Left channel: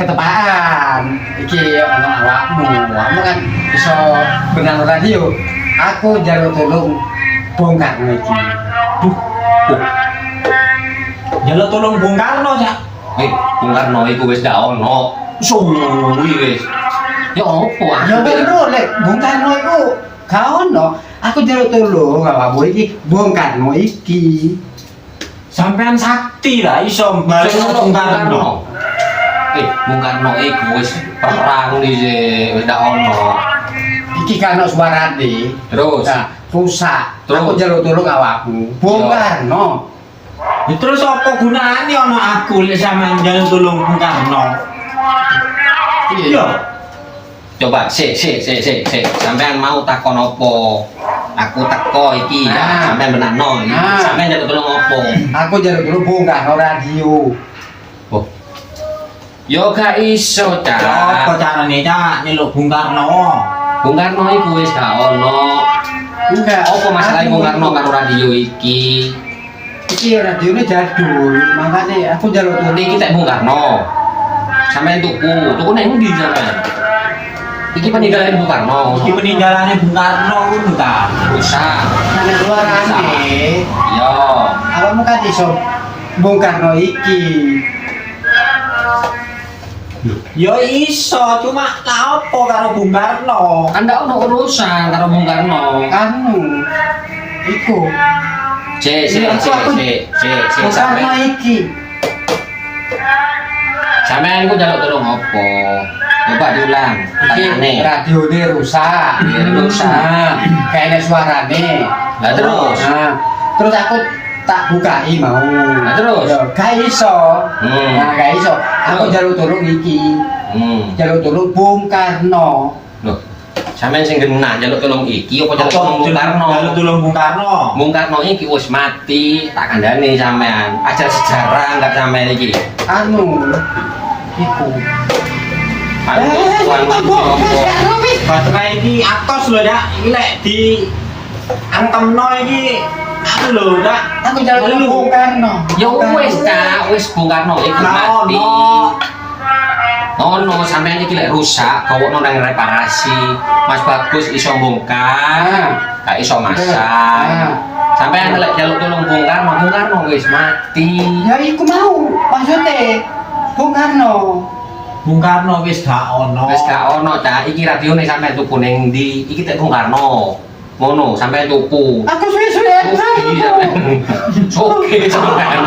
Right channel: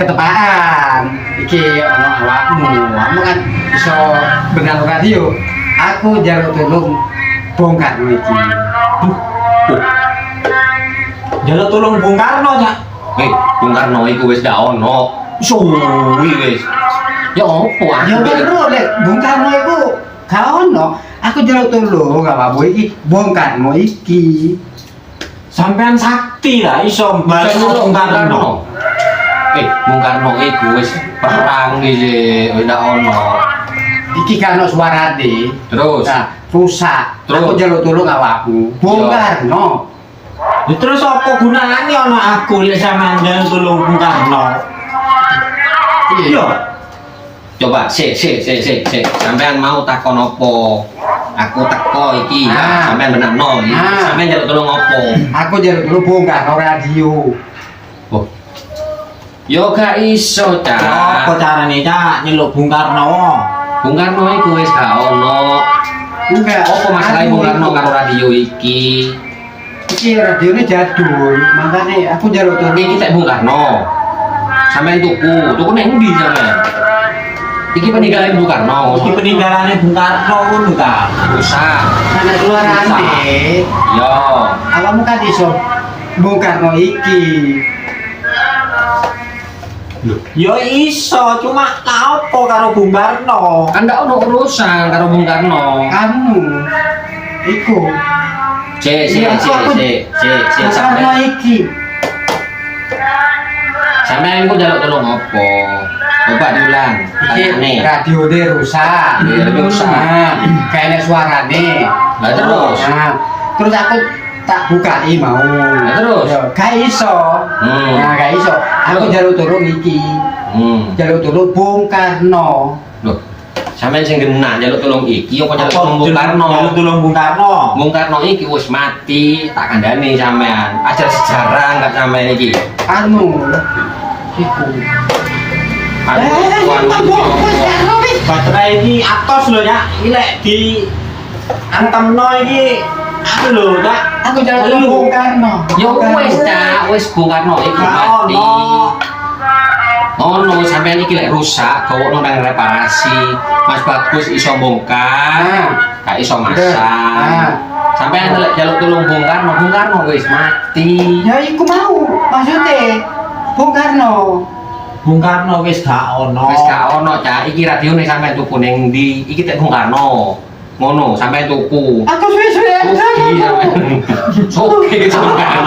ketepaan iki ono awakmu kan iso benang radio aku njaluk tolong bongkar iki Jaluk tolong Bung Karno ya. Bung Karno iku wis gak ono. Suwi wis. Ya opo ya bener lek Bung Karno iku gak ono aku njaluk tolong awakmu iki bongkarmu iki Sampean sakti lah iso balik Bung Karno. Bung Karno iku wis perang iki wis gak ono. iki kan ono suarane Terus nah rusak Terus? aku njaluk tolong awakmu bongkarno Ya terus apa gunane ono aku lek sampean jaluk tolong Bung Karno? Iya. coba sampean mau takon opo? Aku teko iki sampean benakno iki. Sampean njaluk tolong opo? aku njaluk tolong bongkarno radio Oh. Yo gak iso, Cak. Apa carane Cak nyeluk Bung Karno? Bung Karno iku wis gak ono. enggak Apa masalah Bung Karno karo radio iki? iki radione jadul makanya aku njaluk tolong Iki tak Bung Karno. Sampean tuku nang ndi sampean? Iki peninggalan Bung Karno. Iki peninggalane Bung Karno ngono ta. Rusak. sana suarane Yo. awakmu kan iso bongkarno iki Ya iso, cuma lah apa karo Bung Karno? Kan gak ono urusan karo Bung Karno. anu iku bongkarno Sampean iki sampean iku njaluk tolong opo? Coba diulang. iki Tanyane. radione rusak kayak suarane Lah terus? terus aku tak bukai mau Lah terus? ya gak iso nah gak iso aku njaluk tolong iki njaluk tolong Bung Karno Loh, sampean sing genah njaluk tolong iki apa njaluk tolong Bung Karno? Jaluk tolong Bung Karno. Bung Karno iki wis mati, tak kandhani sampean. Ajar sejarah enggak sampean iki. anu iku Baterai iki atos lho ya, iki lek di antemno iki anu lho, Cak. aku njaluk tolong Bung Karno Ya wis, Cak, wis Bung Karno iki mati. Ono sampean iki lek rusak, gawokno nang reparasi. Mas Bagus iso bongkar, gak iso masang. Sampean lek jaluk tolong Bung Karno wis mati. ya iku mau maksudnya Bung Karno Bung Karno wis gak ono. Wis gak ono, Cak. Iki radione sampean tuku ning ndi? Iki tek Bung Karno. Ngono, sampean tuku. aku suwe-suwe Soge sampean.